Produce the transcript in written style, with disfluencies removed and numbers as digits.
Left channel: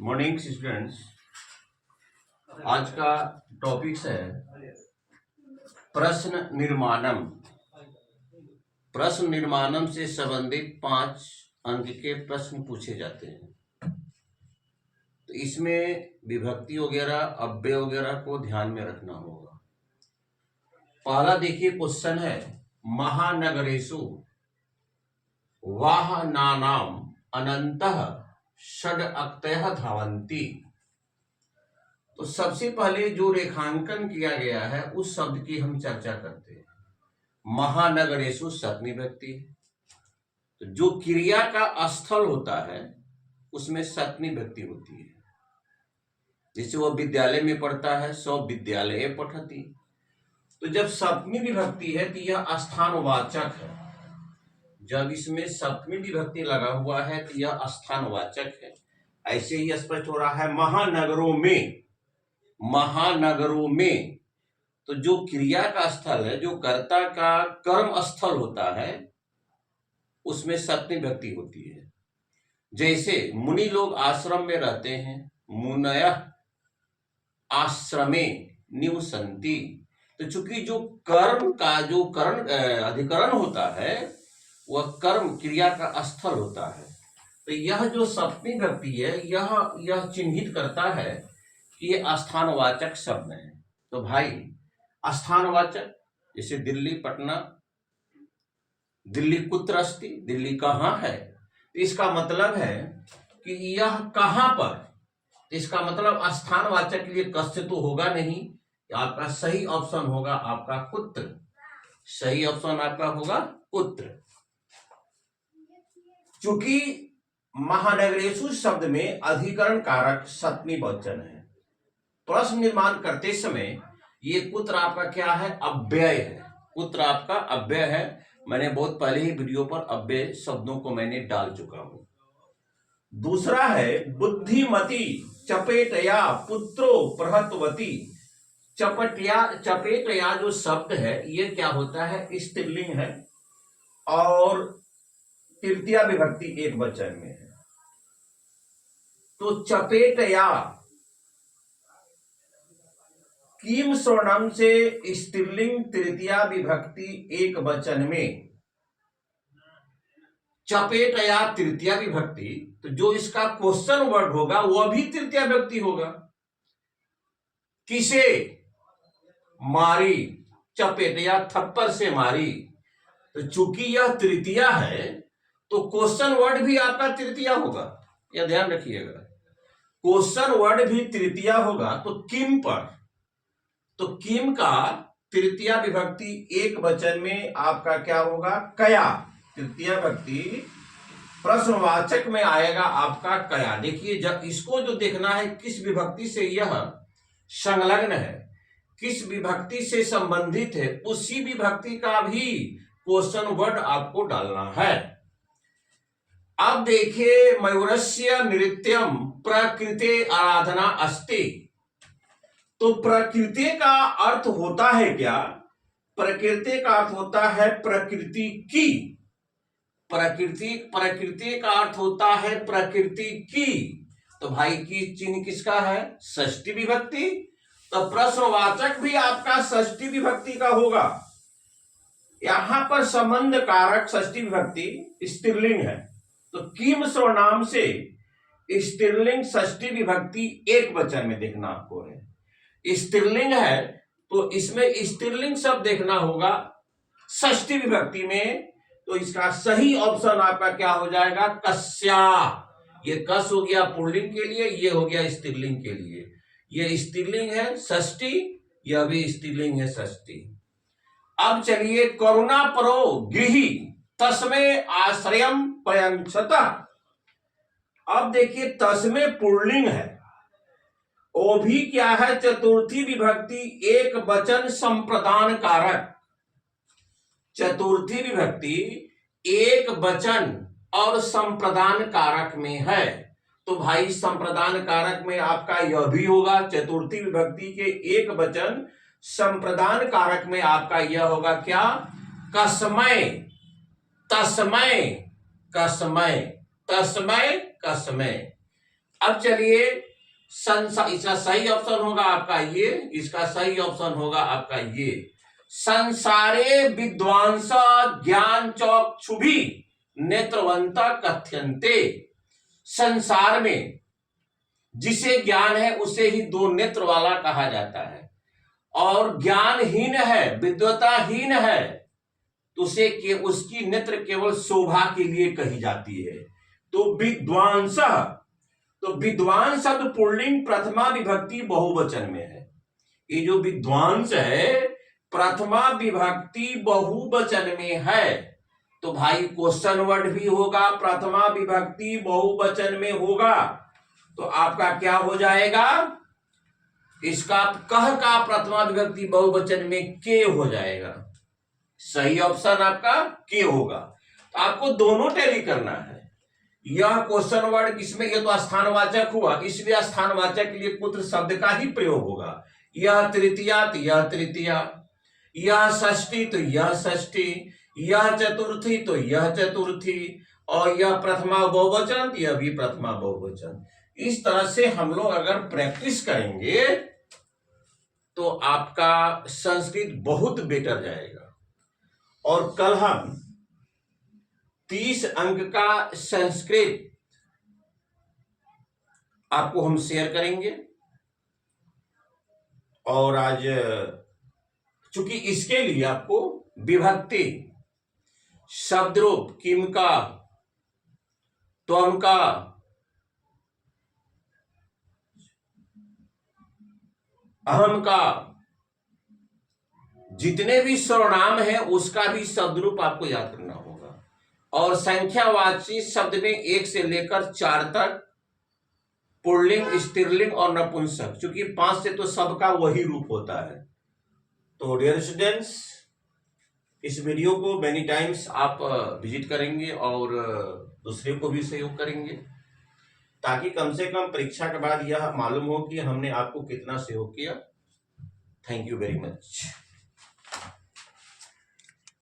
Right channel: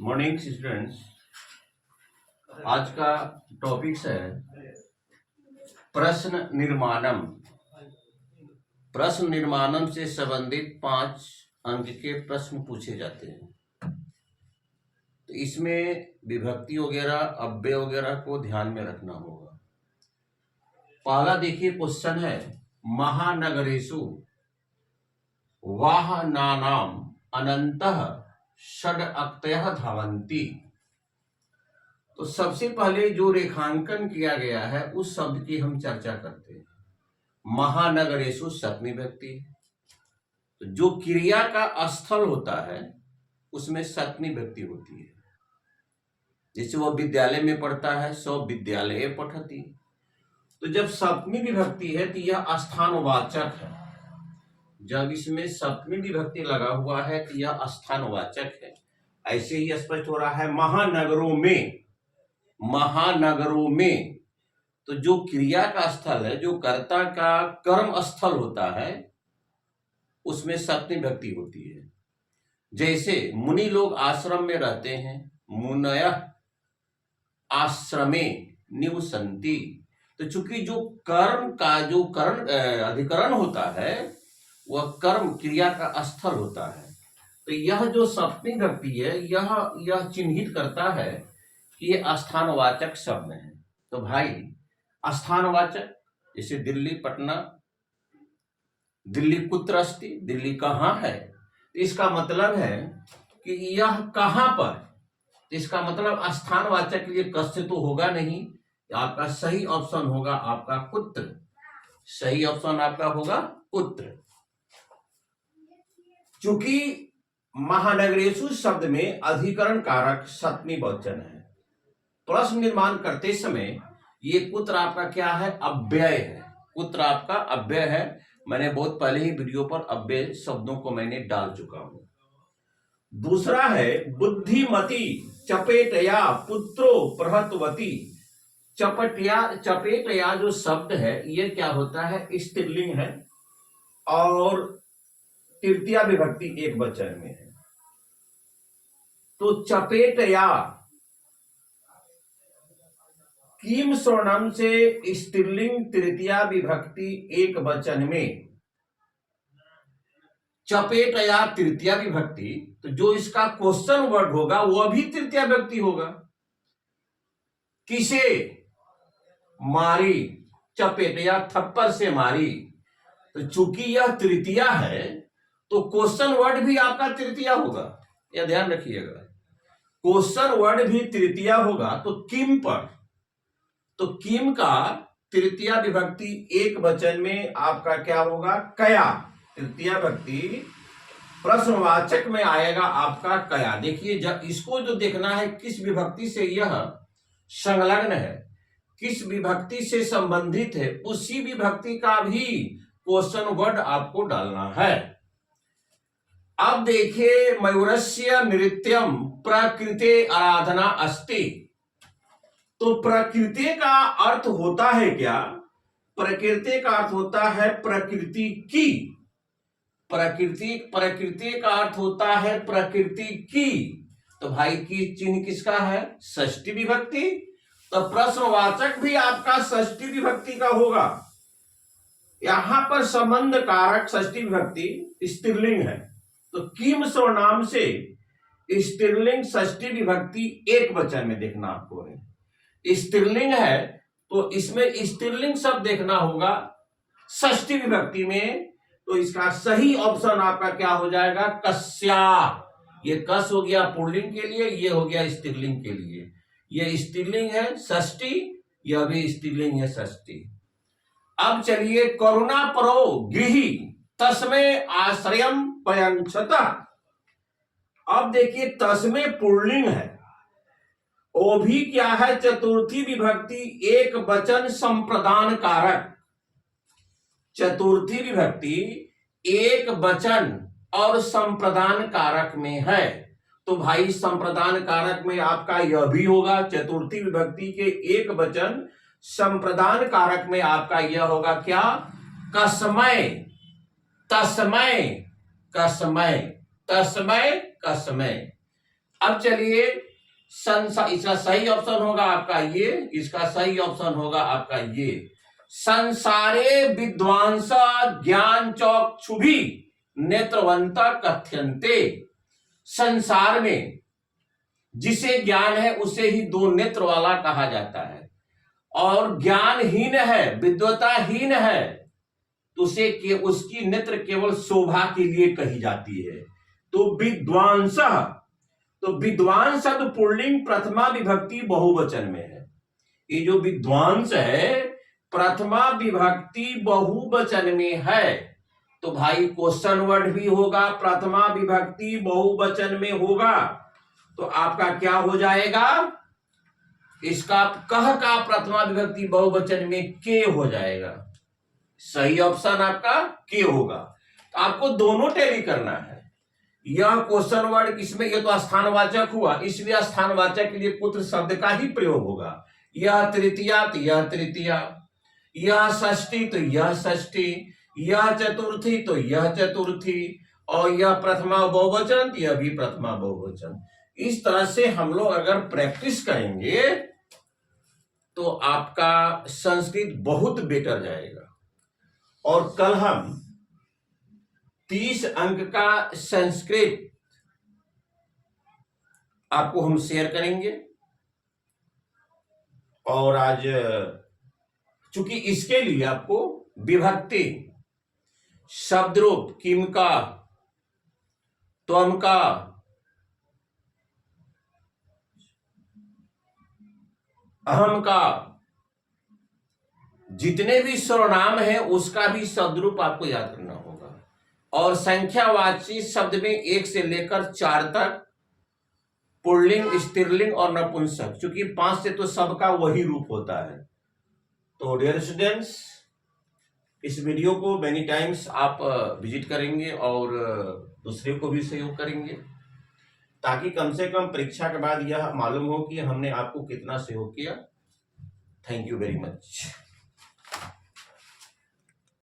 Morning students. आज का topics है प्रश्न निर्माणम। प्रश्न निर्माणम से संबंधित 5 अंक के प्रश्न पूछे जाते हैं। तो इसमें विभक्ति वगैरह अव्यय वगैरह को ध्यान में रखना होगा। पहला देखिए क्वेश्चन है महानगरेषु वाहनानाम अनंतः षडक्तयः धावन्ति। तो सबसे पहले जो रेखांकन किया गया है उस शब्द की हम चर्चा करते हैं। महानगरेषु सप्तमी विभक्ति। तो जो क्रिया का स्थल होता है उसमें सप्तमी विभक्ति होती है। जैसे वो विद्यालय में पढ़ता है सौ विद्यालय पठति। तो जब सप्तमी विभक्ति है तो यह स्थानवाचक है। जब इसमें सप्तमी विभक्ति लगा हुआ है तो यह स्थानवाचक है। ऐसे ही स्पष्ट हो रहा है महानगरों में। महानगरों में तो जो क्रिया का स्थल है, जो कर्ता का कर्म स्थल होता है, उसमें सप्तमी विभक्ति होती है। जैसे मुनि लोग आश्रम में रहते हैं, मुनयः आश्रमे निवसन्ति। तो चूंकि जो कर्म का जो अधिकरण होता है वह कर्म क्रिया का स्थल होता है। तो यह जो सप्तमी विभक्ति है यह चिन्हित करता है कि ये स्थानवाचक शब्द है। तो भाई स्थानवाचक जैसे दिल्ली, पटना, दिल्ली कुत्र अस्ति, दिल्ली कहाँ है। तो इसका मतलब है कि यह कहाँ पर। तो इसका मतलब स्थानवाचक के लिए कस्य तो होगा नहीं। आपका सही ऑप्शन होगा आपका कुत्र। सही ऑप्शन आपका होगा कुत्र। चूंकि महानगरेषु शब्द में अधिकरण कारक सप्तमी बहुवचन है। प्रश्न निर्माण करते समय ये कुत्र आपका क्या है, अव्यय है। कुत्र आपका अव्यय है। मैंने बहुत पहले ही वीडियो पर अव्यय शब्दों को मैंने डाल चुका हूं। दूसरा है बुद्धिमती चपेटया पुत्रो प्रहतवती। चपेटया जो शब्द है ये क्या होता है, स्त्रीलिंग है और तृतीया विभक्ति एक वचन में है। तो चपेटया किम स्वर्णम से स्त्रीलिंग तृतीया विभक्ति एक वचन में। चपेटया तृतीया विभक्ति, तो जो इसका क्वेश्चन वर्ड होगा वह भी तृतीया विभक्ति होगा। किसे मारी, चपेटया थप्पड़ से मारी। तो चूंकि यह तृतीया है तो क्वेश्चन वर्ड भी आपका तृतीया होगा। यह ध्यान रखिएगा, क्वेश्चन वर्ड भी तृतीया होगा। तो किम पर, तो किम का तृतीया विभक्ति एक वचन में आपका क्या होगा, कया। तृतीया विभक्ति प्रश्नवाचक में आएगा आपका कया। देखिए जब इसको जो देखना है किस विभक्ति से यह संलग्न है, किस विभक्ति से संबंधित है, उसी विभक्ति का भी क्वेश्चन वर्ड आपको डालना है। अब देखिए मयूरस्य नृत्यम प्रकृते आराधना अस्ति। तो प्रकृति का अर्थ होता है क्या, प्रकृति का अर्थ होता है प्रकृति की। प्रकृति का अर्थ होता है प्रकृति की। तो भाई की चिन्ह किसका है, षष्ठी विभक्ति। तो प्रश्नवाचक भी आपका षष्ठी विभक्ति का होगा। यहां पर संबंध कारक षष्ठी विभक्ति स्त्रीलिंग है। तो किम सर्वनाम से स्त्रीलिंग षष्ठी विभक्ति एक वचन में देखना आपको है। स्त्रीलिंग है तो इसमें स्त्रीलिंग शब्द देखना होगा षष्ठी विभक्ति में। तो इसका सही ऑप्शन आपका क्या हो जाएगा, कस्या। ये कस हो गया पुल्लिंग के लिए, ये हो गया स्त्रीलिंग के लिए। ये स्त्रीलिंग है षष्ठी, यह भी स्त्रीलिंग है षष्ठी। अब चलिए करुणा परो गृही तस्मे आश्रयम प्रयंक्षत। अब देखिए तस्मे पुल्लिंग है, वो भी क्या है, चतुर्थी विभक्ति एक वचन संप्रदान कारक। चतुर्थी विभक्ति एक वचन और संप्रदान कारक में है। तो भाई संप्रदान कारक में आपका यह भी होगा। चतुर्थी विभक्ति के एक वचन संप्रदान कारक में आपका यह होगा क्या, कसमय, तस्मय, कसमय, तस्मय, कसमय। अब चलिए इसका सही ऑप्शन होगा आपका ये, इसका सही ऑप्शन होगा आपका ये। संसारे विद्वांस ज्ञान चक्षुभी नेत्रवंता कथ्यन्ते। संसार में जिसे ज्ञान है उसे ही दो नेत्र वाला कहा जाता है, और ज्ञानहीन है, विद्वताहीन है, तो उसे उसकी नेत्र केवल शोभा के लिए कही जाती है। तो विद्वांस, तो विद्वान शब्द पुल्लिंग प्रथमा विभक्ति बहुवचन में है। ये जो विद्वांस है प्रथमा विभक्ति बहुवचन में है, तो भाई क्वेश्चन वर्ड भी होगा, प्रथमा विभक्ति बहुवचन में होगा, तो आपका क्या हो जाएगा, इसका कह का प्रथमा विभक्ति बहुवचन में के हो जाएगा। सही ऑप्शन आपका के होगा। तो आपको दोनों टैली करना है। यह क्वेश्चन वर्ड इसमें ये तो स्थानवाचक हुआ, इसलिए स्थानवाचक के लिए पुत्र शब्द का ही प्रयोग होगा। यह तृतीया तो यह तृतीया, यह षष्ठी तो यह षष्ठी, यह चतुर्थी तो यह चतुर्थी, और यह प्रथमा बहुवचन तो यह भी प्रथमा बहुवचन। इस तरह से हम लोग अगर प्रैक्टिस करेंगे तो आपका संस्कृत बहुत बेटर जाएगा। और कल हम 30 अंक का संस्कृत आपको हम शेयर करेंगे। और आज चूंकि इसके लिए आपको विभक्ति, शब्दरूप, किम का, त्वम का, अहम का, जितने भी सर्वनाम है उसका भी शब्दरूप आपको याद करना होगा। और संख्यावाची शब्द में 1 से लेकर 4 तक पुल्लिंग, स्त्रीलिंग और नपुंसक, क्योंकि 5 से तो सबका वही रूप होता है। तो डियर स्टूडेंट्स, इस वीडियो को मेनी टाइम्स आप विजिट करेंगे और दूसरे को भी सहयोग करेंगे, ताकि कम से कम परीक्षा के बाद यह मालूम हो कि हमने आपको कितना सहयोग किया। Thank you very much.